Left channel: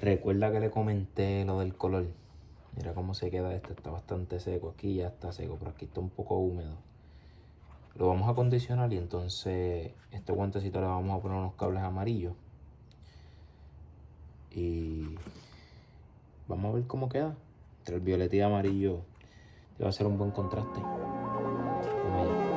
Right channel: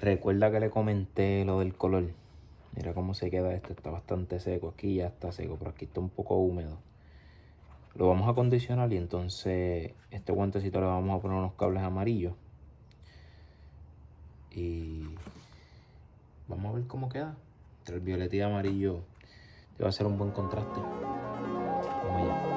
Recuerda que le comenté lo del color. Mira cómo se queda esto, está bastante seco. Aquí ya está seco, pero aquí está un poco húmedo. Lo vamos a acondicionar y entonces este guantecito le vamos a poner unos cables amarillos. Y vamos a ver cómo queda. Entre el violeta y amarillo te va a hacer un buen contraste. Vamos allá.